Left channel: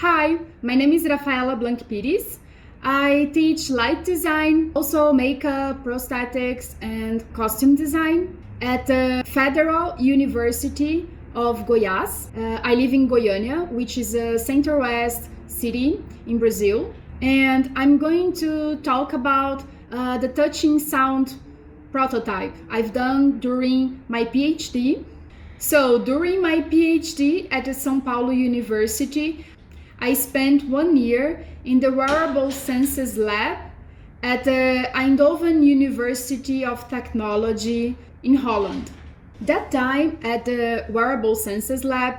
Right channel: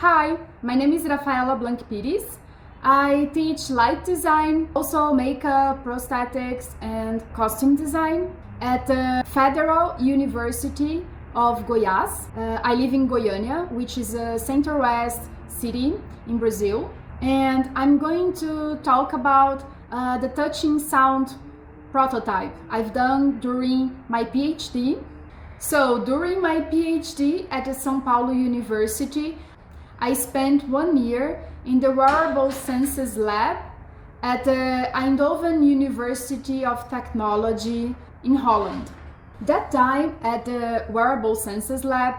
Hi, my name is Rafaela Pires. I teach light design, also makeup, prosthetics, and costume design at the Federal University of Goiás. I live in Goiânia, which is a center-west city in Brazil. And I'm going to talk about the touching sound prototype I've done during my PhD. So during my PhD at the São Paulo University, I spent 1 year in the Wearable Senses Lab at the Eindhoven University of Technology in Holland. That time at the Wearable Senses Lab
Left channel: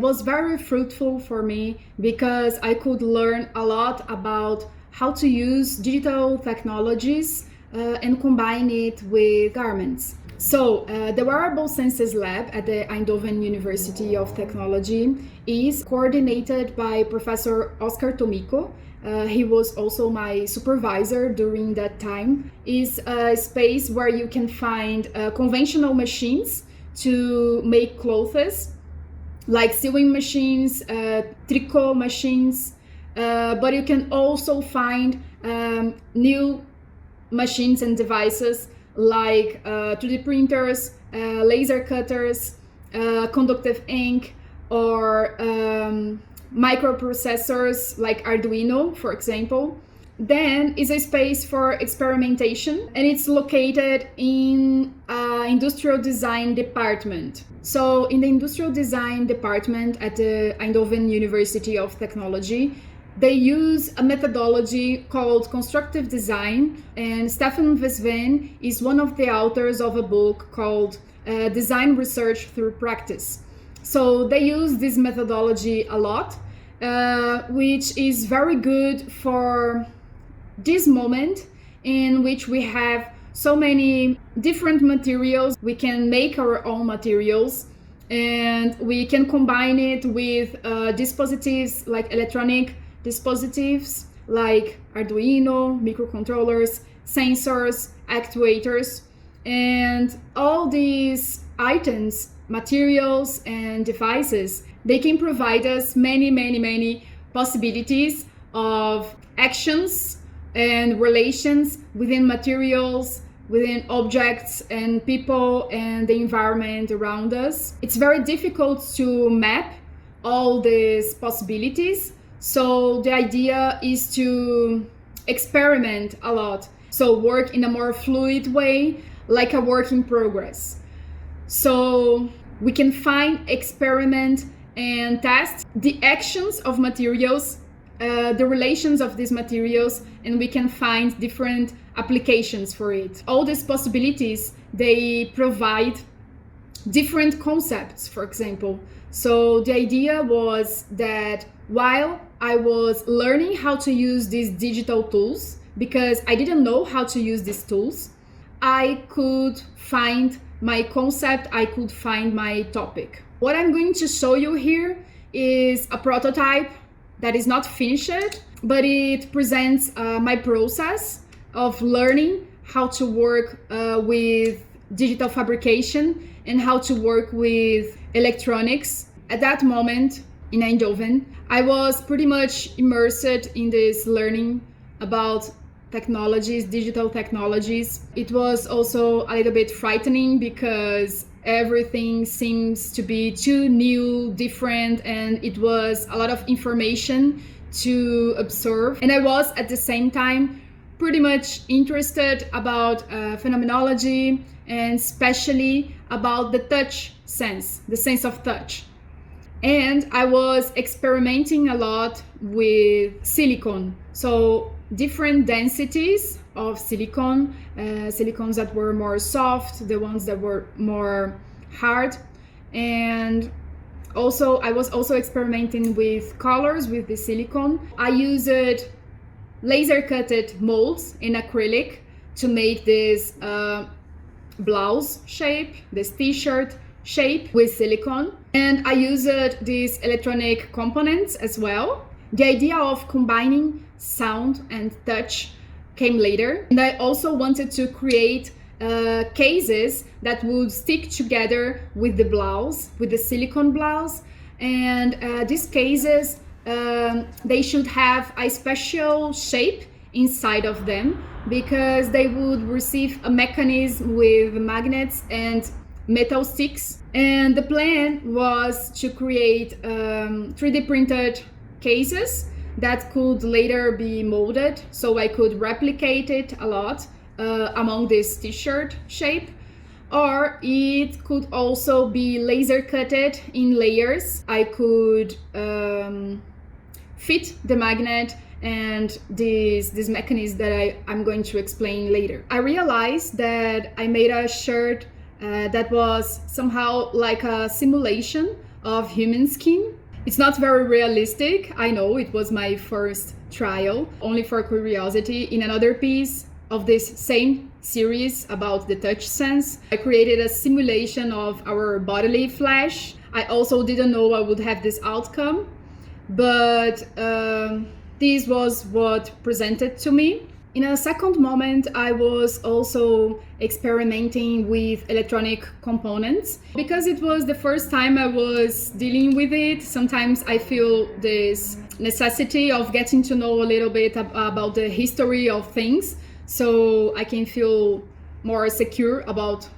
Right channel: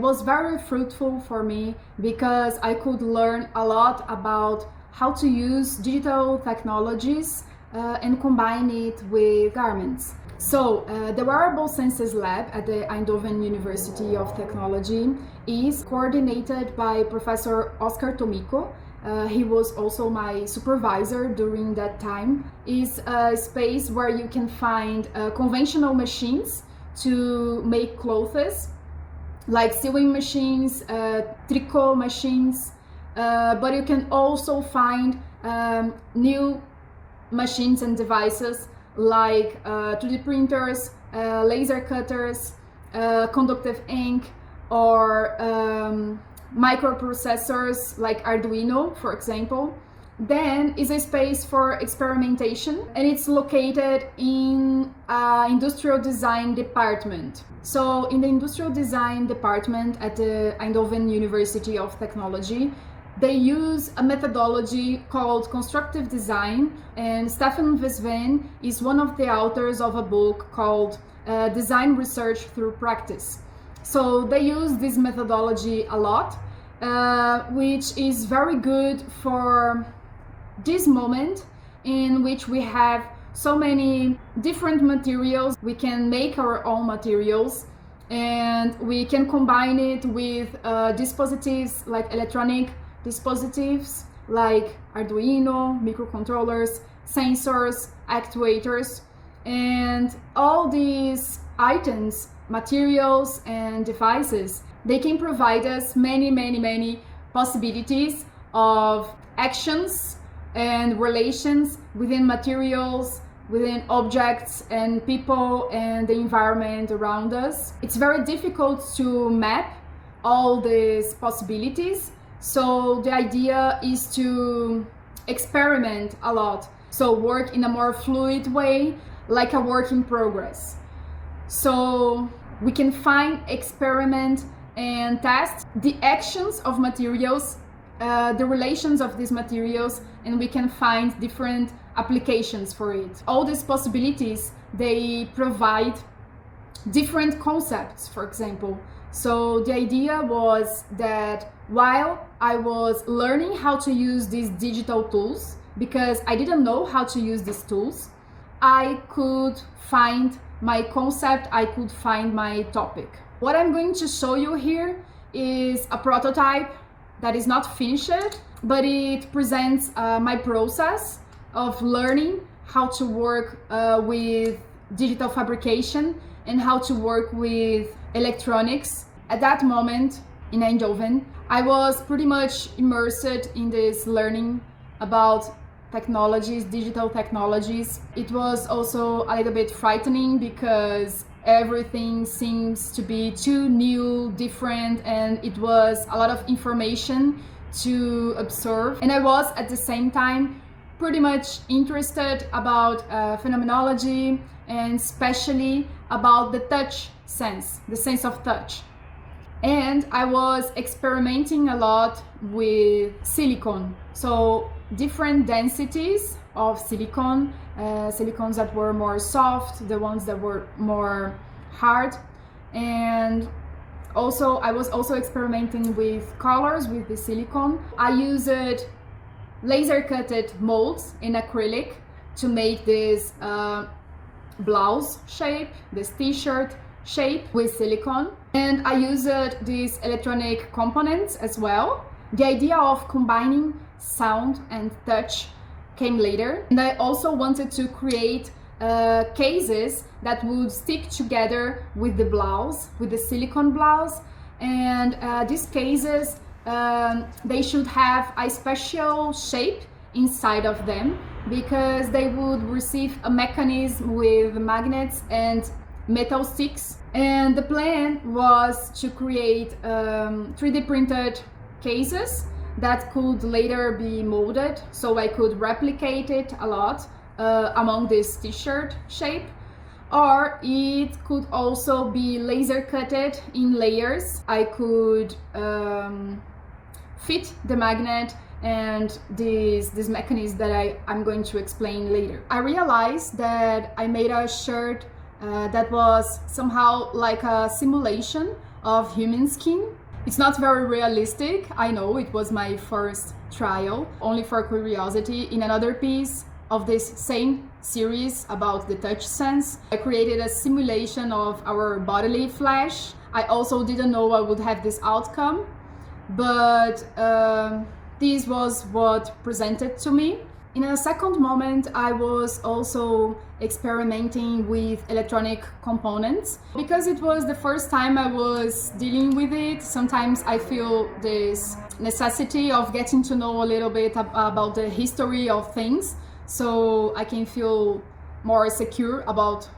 was very fruitful for me because I could learn a lot about how to use digital technologies and combine it with garments. So, the Wearable Senses Lab at the Eindhoven University of Technology is coordinated by Professor Oscar Tomiko. He was also my supervisor during that time. It's a space where you can find conventional machines to make clothes, like sewing machines, tricot machines, but you can also find new machines and devices like 3D printers, laser cutters, conductive ink, or microprocessors like Arduino, for example. Then is a space for experimentation, and it's located in industrial design department. So in the industrial design department at the Eindhoven University of Technology, they use a methodology called constructive design, and Stefan Vesven is one of the authors of a book called Design Research Through Practice. So they use this methodology a lot, which is very good for this moment in which we have so many different materials. We can make our own materials, and we can combine it with dispositives like electronic dispositives like Arduino, microcontrollers, sensors, actuators, and all these items, materials, and devices, they can provide us many possibilities of actions and relations within materials, within objects and people and the environment around us. It's very difficult to map all these possibilities. So the idea is to experiment a lot. So work in a more fluid way, like a work in progress. So we can find, experiment, and test the actions of materials, the relations of these materials, and we can find different applications for it. All these possibilities, they provide different concepts, for example. So the idea was that while I was learning how to use these digital tools, because I didn't know how to use these tools, I could find my concept, I could find my topic. What I'm going to show you here is a prototype that is not finished, but it presents my process of learning how to work with digital fabrication and how to work with electronics. At that moment in Eindhoven, I was pretty much immersed in this learning about technologies, digital technologies. It was also a little bit frightening because everything seems to be too new, different, and it was a lot of information to absorb. And I was at the same time pretty much interested about phenomenology, and especially about the touch sense, the sense of touch. And I was experimenting a lot with silicone. So different densities of silicone, silicones that were more soft, the ones that were more hard. And also I was also experimenting with colors with the silicone. I used laser cutted molds in acrylic to make this blouse shape, this t-shirt shape with silicone. And I used these electronic components as well. The idea of combining sound and touch came later. And I also wanted to create cases that would stick together with the blouse, with the silicone blouse. And these cases they should have a special shape inside of them, because they would receive a mechanism with magnets and metal sticks. And the plan was to create 3D printed cases that could later be molded, so I could replicate it a lot among this t-shirt shape. Or it could also be laser cutted in layers. I could fit the magnet and this mechanism that I'm going to explain later. I realized that I made a shirt that was somehow like a simulation of human skin. It's not very realistic, I know, it was my first trial, only for curiosity. In another piece of this same series about the touch sense, I created a simulation of our bodily flesh. I also didn't know I would have this outcome, but this was what presented to me. In a second moment, I was also experimenting with electronic components. Because it was the first time I was dealing with it, sometimes I feel this necessity of getting to know a little bit about the history of things, so I can feel more secure about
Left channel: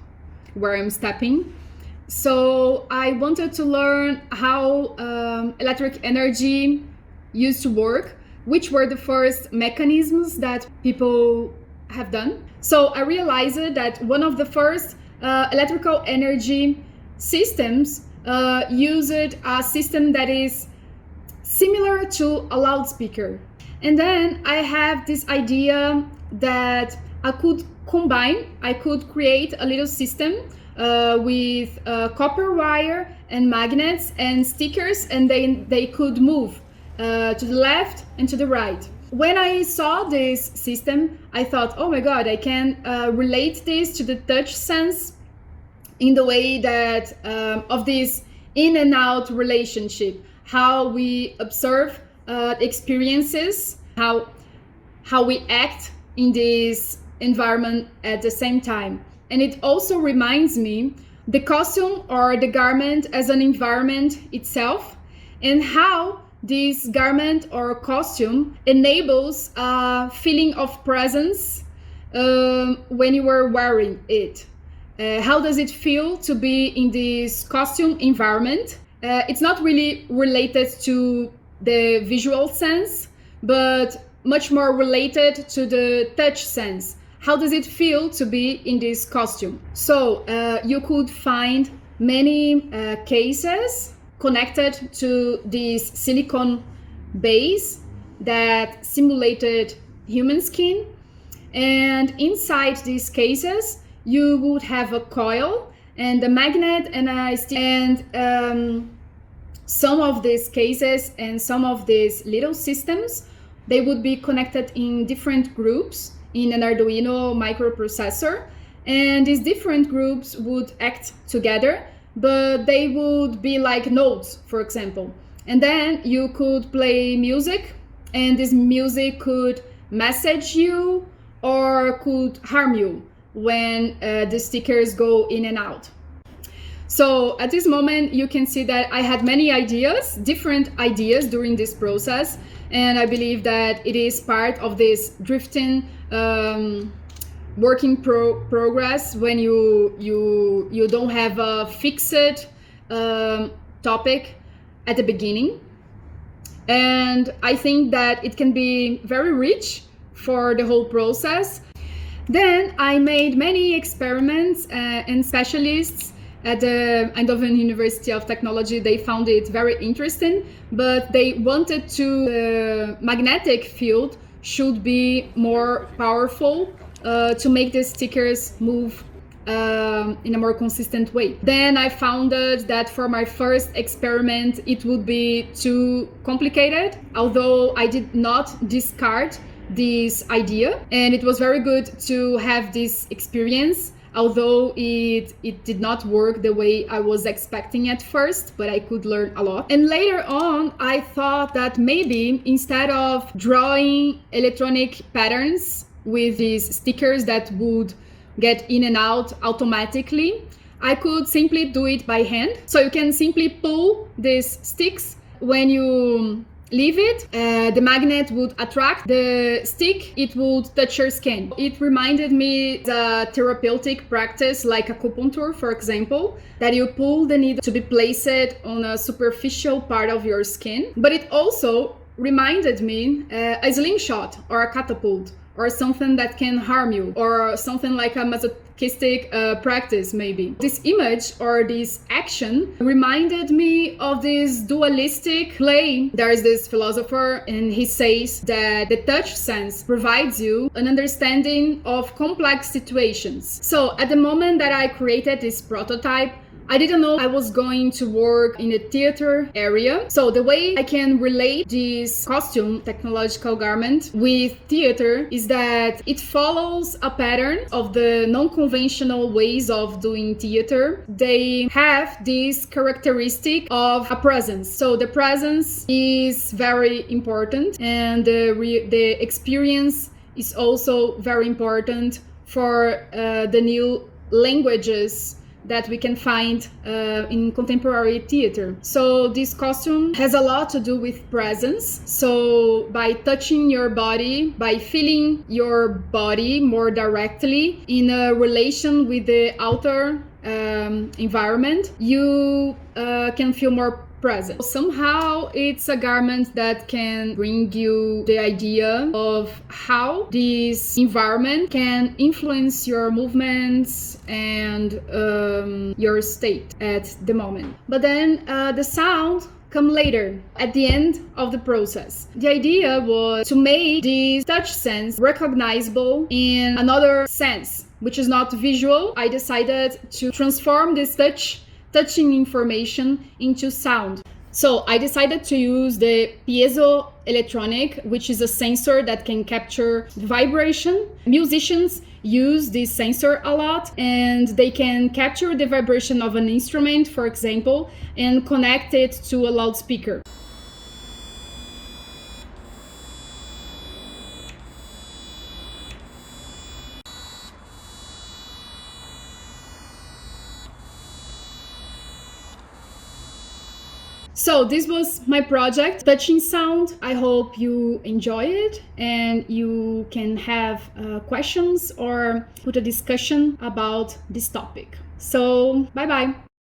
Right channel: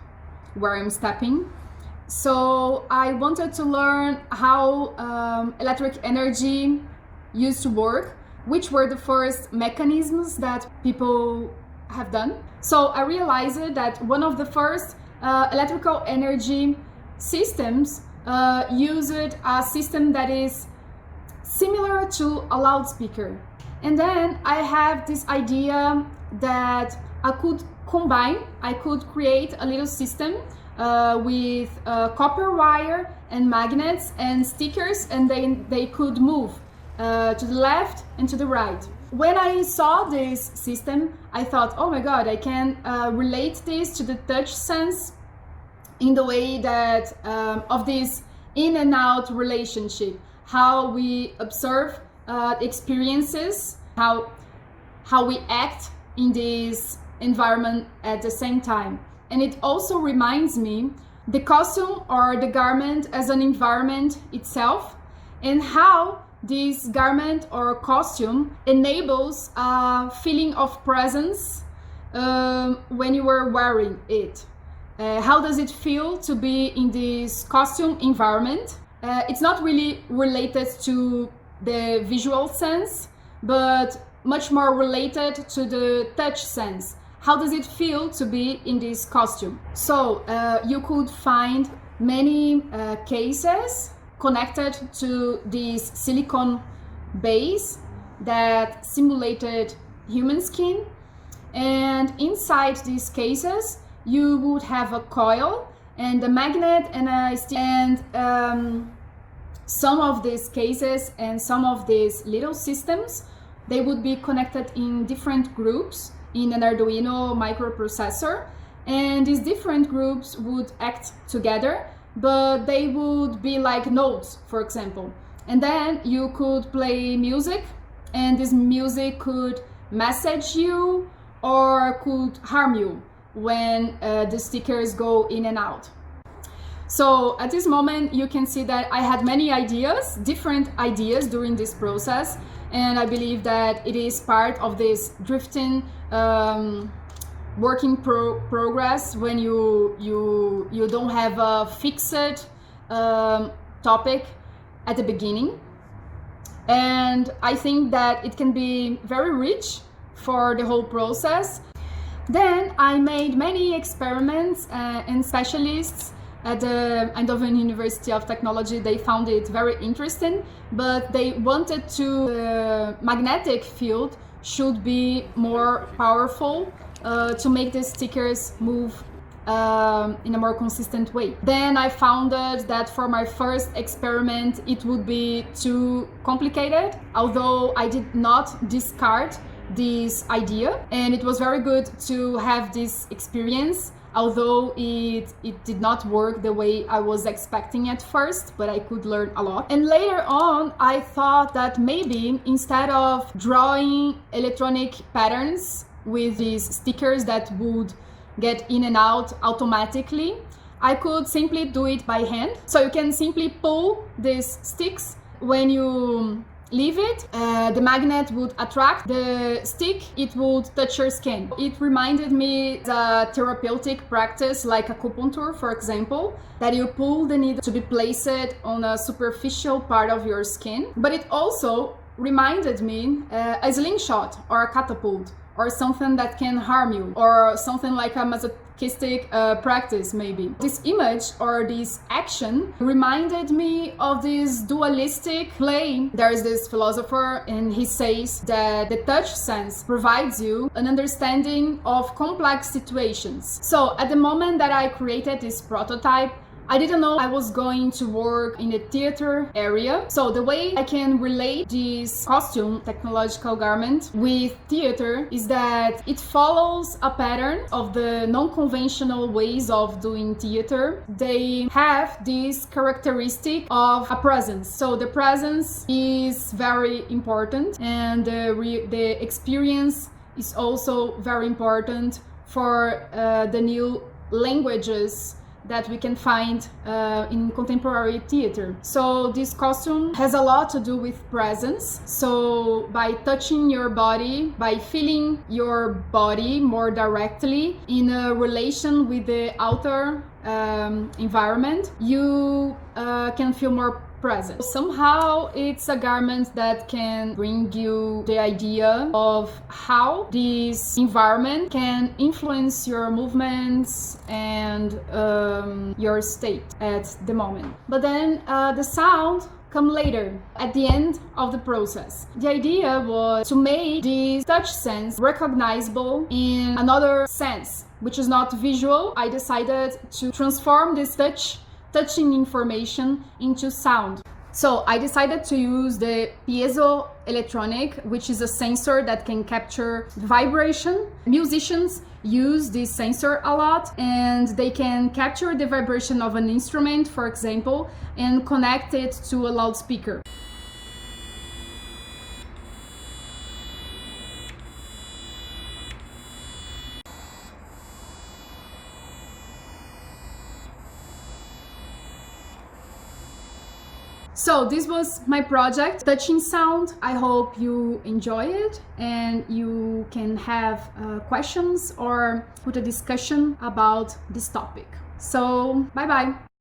where I'm stepping. So I wanted to learn how electric energy used to work, which were the first mechanisms that people have done. So I realized that one of the first electrical energy systems used a system that is similar to a loudspeaker. And then I have this idea that I could create a little system with copper wire and magnets and stickers, and they could move to the left and to the right. When I saw this system, I thought, oh my god, I can relate this to the touch sense in the way that of this in and out relationship, how we observe experiences, how we act in this environment at the same time. And it also reminds me the costume or the garment as an environment itself, and how this garment or costume enables a feeling of presence when you are wearing it. How does it feel to be in this costume environment? It's not really related to the visual sense, but much more related to the touch sense. How does it feel to be in this costume? So you could find many cases connected to this silicone base that simulated human skin. And inside these cases, you would have a coil and a magnet and a stick. And some of these cases and some of these little systems, they would be connected in different groups in an Arduino microprocessor. And these different groups would act together, but they would be like notes, for example. And then you could play music, and this music could message you or could harm you when the stickers go in and out. So at this moment, you can see that I had many ideas, different ideas during this process. And I believe that it is part of this drifting working progress when you don't have a fixed topic at the beginning. And I think that it can be very rich for the whole process. Then I made many experiments, and specialists at the Eindhoven University of Technology, they found it very interesting, but they wanted the magnetic field should be more powerful to make the stickers move in a more consistent way. Then I found that for my first experiment, it would be too complicated, although I did not discard this idea. And it was very good to have this experience, although it did not work the way I was expecting at first, but I could learn a lot. And later on, I thought that maybe instead of drawing electronic patterns with these stickers that would get in and out automatically, I could simply do it by hand. So you can simply pull these sticks when you leave it, the magnet would attract the stick, it would touch your skin. It reminded me the therapeutic practice like acupuncture, for example, that you pull the needle to be placed on a superficial part of your skin. But it also reminded me a slingshot or a catapult, or something that can harm you, or something like a masochistic practice maybe. This image or this action reminded me of this dualistic play. There is this philosopher and he says that the touch sense provides you an understanding of complex situations. So at the moment that I created this prototype, I didn't know I was going to work in the theater area. So the way I can relate this costume, technological garment, with theater is that it follows a pattern of the non-conventional ways of doing theater. They have this characteristic of a presence. So the presence is very important, and the experience is also very important for the new languages that we can find in contemporary theater. So this costume has a lot to do with presence. So by touching your body, by feeling your body more directly in a relation with the outer environment, you can feel more present. Somehow it's a garment that can bring you the idea of how this environment can influence your movements and your state at the moment. But then the sound come later, at the end of the process. The idea was to make this touch sense recognizable in another sense, which is not visual. I decided to transform this touching information into sound. So I decided to use the piezoelectronic, which is a sensor that can capture vibration. Musicians use this sensor a lot, and they can capture the vibration of an instrument, for example, and connect it to a loudspeaker. So this was my project, Touching Sound. I hope you enjoy it and you can have questions or put a discussion about this topic. So bye bye.